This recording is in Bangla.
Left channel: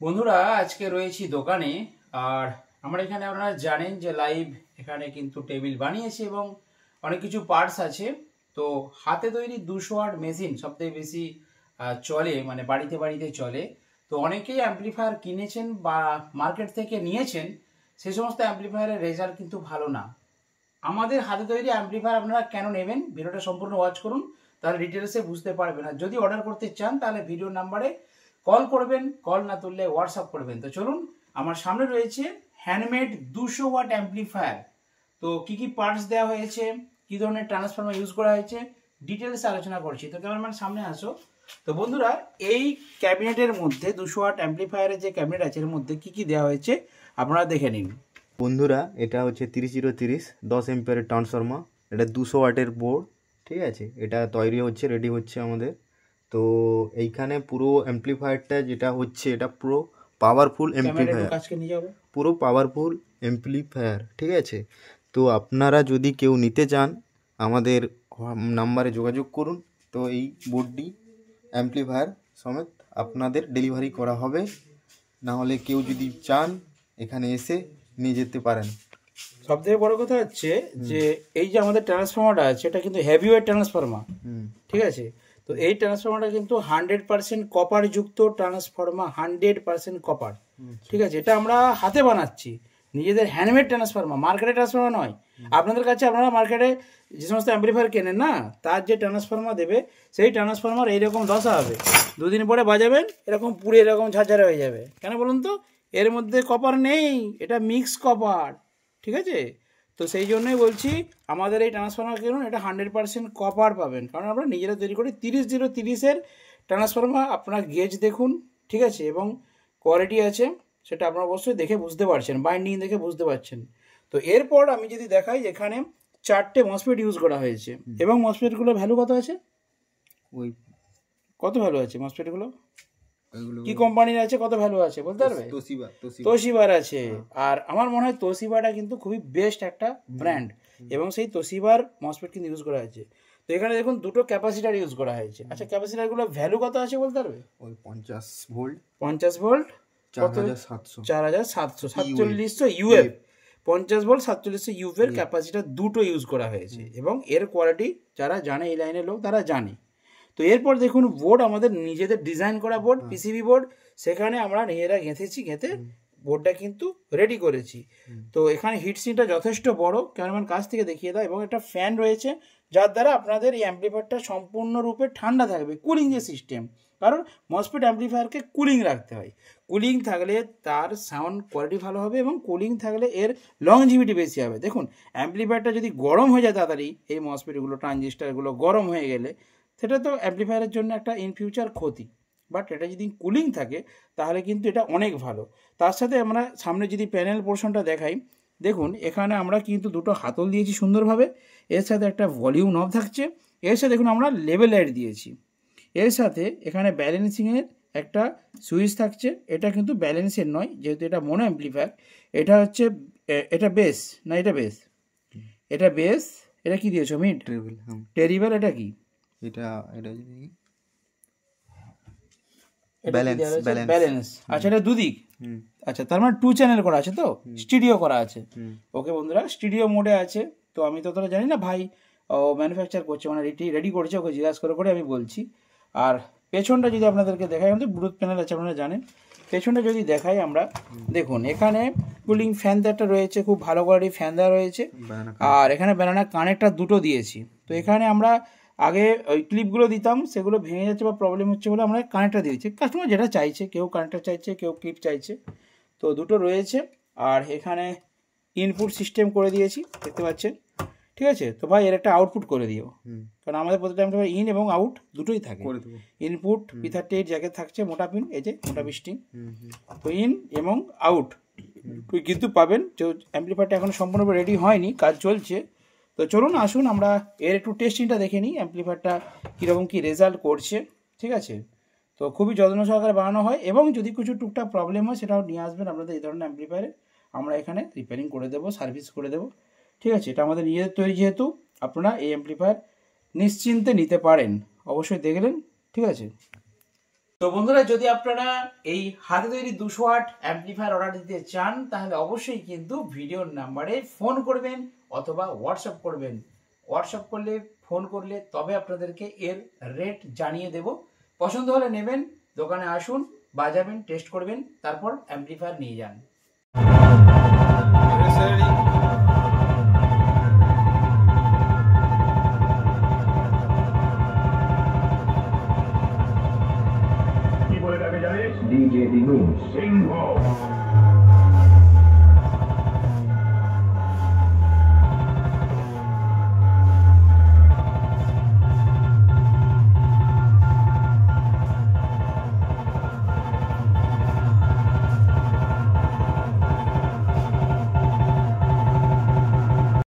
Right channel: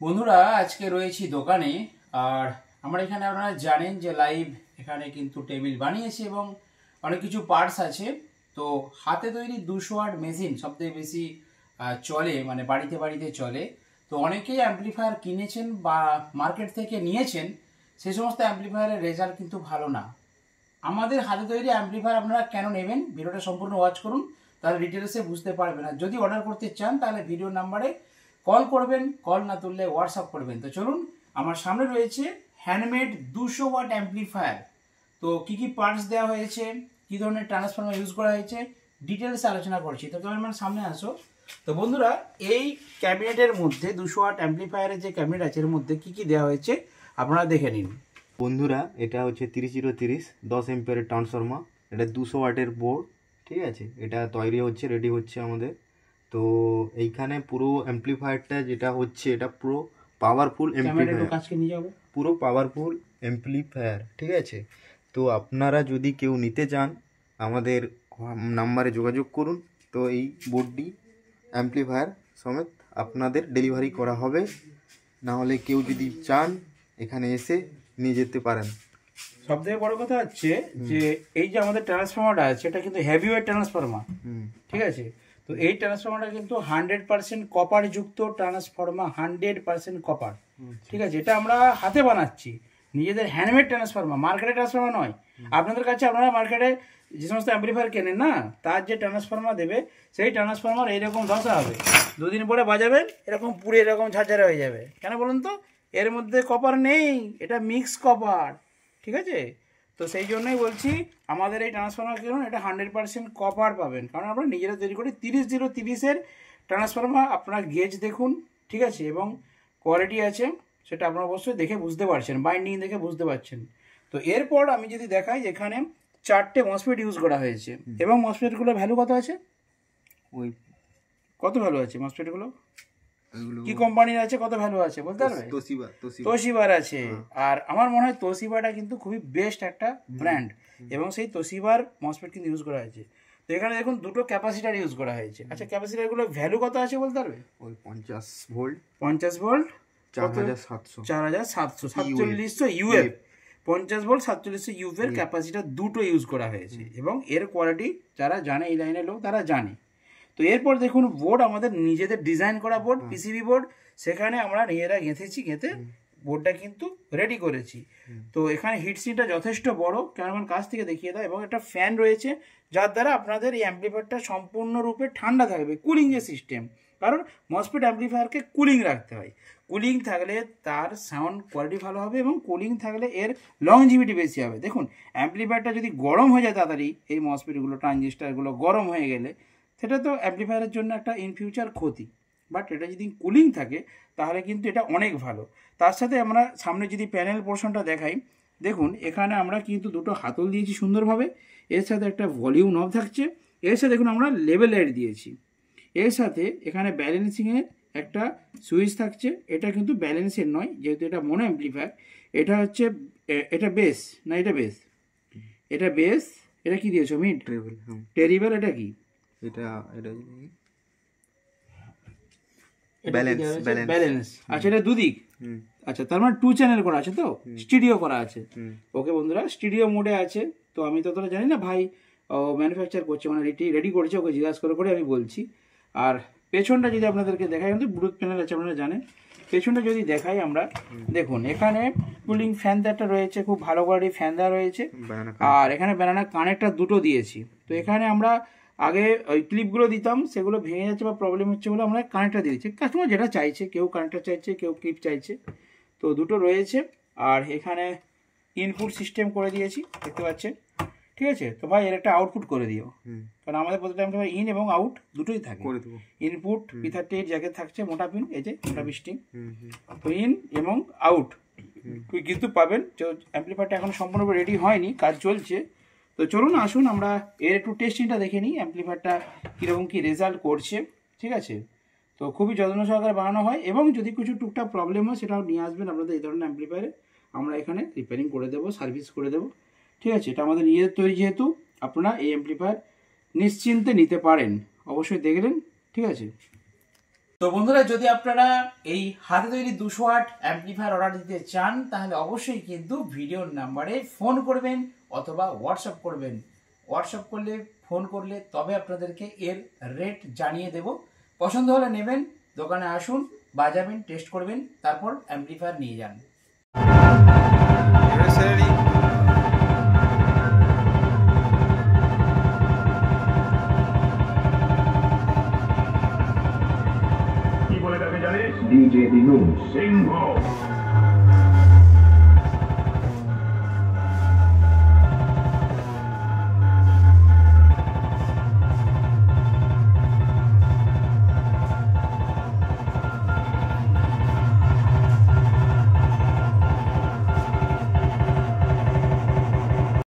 বন্ধুরা আজকে রয়েছি দোকানে। আর আমরা এখানে আপনারা জানেন যে লাইভ এখানে কিন্তু টেবিল বানিয়েছি এবং অনেক কিছু পার্টস আছে। তো হাতে তৈরি 200 ওয়াট মেশিন সবথেকে বেশি চলে, মানে বাড়িতে বাড়িতে চলে। তো অনেকেই অ্যাম্প্লিফায়ার কিনেছেন বা মার্কেট থেকে নিয়েছেন, সেই সমস্ত অ্যাম্প্লিফায়ারের রেজাল্ট কিন্তু ভালো না। আমাদের হাতে তৈরি অ্যাম্প্লিফায়ার আপনারা কেন নেবেন, ভিডিওটা সম্পূর্ণ ওয়াচ করুন, তাহলে ডিটেলসে বুঝতে পারবেন। আর যদি অর্ডার করতে চান তাহলে ভিডিও নাম্বারে কল করবেন, কল না তুললে হোয়াটসঅ্যাপ করবেন। তো চলুন, আমার সামনে রয়েছে হ্যান্ডমেড 200 ওয়াট অ্যাম্প্লিফায়ার। তো কি কি পার্টস দেওয়া হয়েছে, কি ধরনের ট্রান্সফর্মার ইউজ করা হয়েছে, ডিটেলসে আলোচনা করছি। তো ক্যামেরাম্যান সামনে আসো। তো বন্ধুরা, এই ক্যাবিনেটের মধ্যে 200 ওয়াট অ্যাম্প্লিফায়ারের যে ক্যাবিনেট আছে এর মধ্যে কি কি দেওয়া হয়েছে আপনারা দেখে নিন। বন্ধুরা, এটা হচ্ছে 3030 10 এম্পিয়ারের ট্রান্সফর্মার। এটা 200 ওয়াটের বোর্ড, ঠিক আছে। এটা তৈরি হচ্ছে, রেডি হচ্ছে আমাদের। তো এইখানে পুরো অ্যাম্প্লিফায়ারটা যেটা হচ্ছে, এটা পুরো পাওয়ারফুল অ্যাম্প্লিফায়ার, পুরো পাওয়ারফুল অ্যাম্প্লিফায়ার, ঠিক আছে। তো আপনারা যদি কেউ নিতে চান আমাদের নাম্বারে যোগাযোগ করুন। তো এই বোর্ডটি অ্যাম্প্লিফায়ার সমেত আপনাদের ডেলিভারি করা হবে। না হলে কেউ যদি চান এখানে এসে নিয়ে যেতে পারেন। সব থেকে বড় কথা হচ্ছে যে এই যে আমাদের ট্রান্সফর্মারটা আছে এটা কিন্তু হেভি ওয়েট ট্রান্সফর্মার, ঠিক আছে। তো এই ট্রান্সফর্মারটা কিন্তু 100% কপার যুক্ত ট্রান্সফর্মার, 100% কপার, ঠিক আছে। এটা আমরা হাতে বানাচ্ছি, নিজেদের হ্যান্ডমেড ট্রান্সফর্মার, মার্কেটে ট্রান্সফর্মার নয়। আপনাদের কাছে আপনারা মার্কেটে যে সমস্ত অ্যাম্প্লিফায়ার কেনেন না, তার যে ট্রান্সফর্মার দেবে সেই ট্রান্সফর্মার এইরকম দশা হবে, দুদিন পরে বাজাবেন এরকম পুরো এরকম ঝাঝারা হয়ে যাবে। কেন বলুন তো? এর মধ্যে কপার নেই, এটা মিক্স কপার, ঠিক আছে। তো সেই জন্যই বলছি আমাদের এই ট্রান্সফর্মার কিনুন, এটা 100% কপার পাবেন, কারণ আমরা নিজেরা তৈরি করি। 30-0-30-এর ট্রান্সফর্মার আপনার গেজ দেখুন, ঠিক আছে, এবং কোয়ালিটি আছে সেটা আপনারা অবশ্যই দেখে বুঝতে পারছেন, বাইন্ডিং দেখে বুঝতে পারছেন। তো এরপর আমি যদি দেখাই, এখানে 4টে মসফেট ইউজ করা হয়েছে এবং মসফেটগুলো ভ্যালু কত আছে, ওই কত ভ্যালু আছে মসফেটগুলো, কি কোম্পানির আছে, কত ভ্যালু আছে বলতে পারবে? তোশিবার আছে। আর আমার মনে হয় তোশিবাটা কিন্তু খুবই বেস্ট একটা ব্র্যান্ড, এবং সেই তোশিবার মসফেট কিন্তু ইউজ করা হয়েছে। তো এখানে দেখুন দুটো ক্যাপাসিটার ইউজ করা হয়েছে। আচ্ছা, ক্যাপাসিটারগুলো ভ্যালু কত আছে বলতে পারবে? ওই 50 ভোল্ট 4700 4700 ইউএফ, 50 ভোল্ট 4700 ইউএফ এর ক্যাপাসিটার দুটো ইউজ করা হয়েছে, এবং এর কোয়ালিটি যারা জানে, এই লাইনের লোক তারা জানে। তো এরপর দেখুন বোর্ড আমাদের নিজেদের ডিজাইন করা বোর্ড, পিসিবি বোর্ড, সেখানে আমরা নিজেরা গেঁথে বোর্ডটা কিন্তু রেডি করেছি। তো এখানে হিটসিংটা যথেষ্ট বড়, ক্যামেরাম্যান কাছ থেকে দেখিয়ে দাও, এবং একটা ফ্যান রয়েছে যার দ্বারা আপনাদের এই অ্যাম্প্লিফায়ারটা সম্পূর্ণরূপে ঠান্ডা থাকবে, কুলিং যে সিস্টেম, কারণ মসফেট অ্যাম্প্লিফায়ারকে কুলিং রাখতে হয়। কুলিং থাকলে তার সাউন্ড কোয়ালিটি ভালো হবে, এবং কুলিং থাকলে এর লংজিভিটি বেশি হবে। দেখুন, অ্যাম্প্লিফায়ারটা যদি গরম হয়ে যায় তাড়াতাড়ি, এই মসফেটগুলো ট্রানজিস্টারগুলো গরম হয়ে গেলে সেটা তো অ্যাম্প্লিফায়ারের জন্য একটা ইন ফিউচার ক্ষতি। বাট এটা যদি কুলিং থাকে তাহলে কিন্তু এটা অনেক ভালো। তার সাথে আমরা সামনে যদি প্যানেল পোর্শনটা দেখাই, দেখুন এখানে আমরা কিন্তু দুটো হাতল দিয়েছি সুন্দরভাবে, এর সাথে একটা ভলিউম নব থাকছে, এর সাথে দেখুন আমরা লেভেল লাইট দিয়েছি, এর সাথে এখানে ব্যালেন্সিংয়ের একটা সুইচ থাকছে। এটা কিন্তু ব্যালেন্সের নয়, যেহেতু এটা মোনো অ্যাম্প্লিফায়ার। এটা হচ্ছে এটা বেস, না এটা বেস, এটা বেস। এটা কি দিয়েছো মিড টেরিবল, এটা কি, এটা ব্যালেন্স। আচ্ছা, এটা দুদিক। আচ্ছা, তার মানে 2 চ্যানেল করা আছে, তো স্টুডিও করা আছে। ওকে বন্ধুরা, স্টুডিও মোডে আছে। তো আমি তো তোরা জানি না, ভাই ম্যানুফ্যাকচার করছে, মানে রেডি করেছে, ওকে জিজ্ঞাসা করে আমি বলছি। আর পেছনটা যদি আপনাদেরকে দেখাই, আমাদের ব্লুটুথ প্যানেল আছে আপনারা জানেন। পেছনটা যদি দেখাই আমরা, দেখুন এখানে কুলিং ফ্যান একটা রয়েছে, খুব ভালো কোয়ালিটির ফ্যান দেওয়া রয়েছে। আর এখানে ব্যানানা কানেক্টর দুটো দিয়েছি। তো এখানে আমরা আগে ওই ক্লিপগুলো দিতাম, সেগুলো ভেঙে যাচ্ছে বা প্রবলেম হচ্ছে বলে আমরা কানেক্টর দিয়েছি। কাস্টমার যেটা চাইছে, কেউ কানেক্টর চাইছে, কেউ ক্লিপ চাইছে, তো দুটো রয়েছে। আর এখানে ইনপুট সিস্টেম করে দিয়েছি, দেখতে পাচ্ছেন, ঠিক আছে। তো ভাই এর একটা আউটপুট করে দিও, কারণ আমাদের প্রতিটা ইন এবং আউট দুটোই থাকে। ইনপুট P38 জ্যাকেট থাকছে, মোটা পিন, এই যে মোটা বিস্টিং, তো ইন এবং আউট কিন্তু পাবেন। তো অ্যাম্প্লিফায়ারটা এখন সম্পূর্ণ রেডি হয়নি, কাজ চলছে। তো চলুন আসুন আমরা এর একটু টেস্টিংটা দেখে নিই, অ্যাম্প্লিফায়ারটা কীরকম কী রেজাল্ট করছে, ঠিক আছে। তো খুবই যত্ন সহকারে বানানো হয়, এবং যদি কিছু টুকটাক প্রবলেম হয় সেটাও নিয়ে আসবেন আপনাদের এই ধরনের অ্যাম্প্লিফায়ারে, আমরা এখানে রিপেয়ারিং করে দেবো, সার্ভিস করে দেবো, ঠিক আছে। এটা আমাদের নিজেদের তৈরি, যেহেতু আপনারা এই অ্যাম্প্লিফায়ার নিশ্চিন্তে নিতে পারেন। অবশ্যই দেখলেন, ঠিক আছে। তো বন্ধুরা, যদি আপনারা এই হাতে তৈরি 200 ওয়াট অ্যাম্পলিফায়ার অর্ডার দিতে চান তাহলে অবশ্যই কিন্তু ভিডিওর নাম্বারে ফোন করবেন অথবা হোয়াটসঅ্যাপ করবেন। হোয়াটসঅ্যাপ করলে, ফোন করলে তবে আপনাদেরকে এর রেট জানিয়ে দেব। পছন্দ হলে নেবেন, দোকানে আসুন, বাজাবেন, টেস্ট করবেন, তারপর অ্যাম্পলিফায়ার নিয়ে যান। DJ Dinun Single.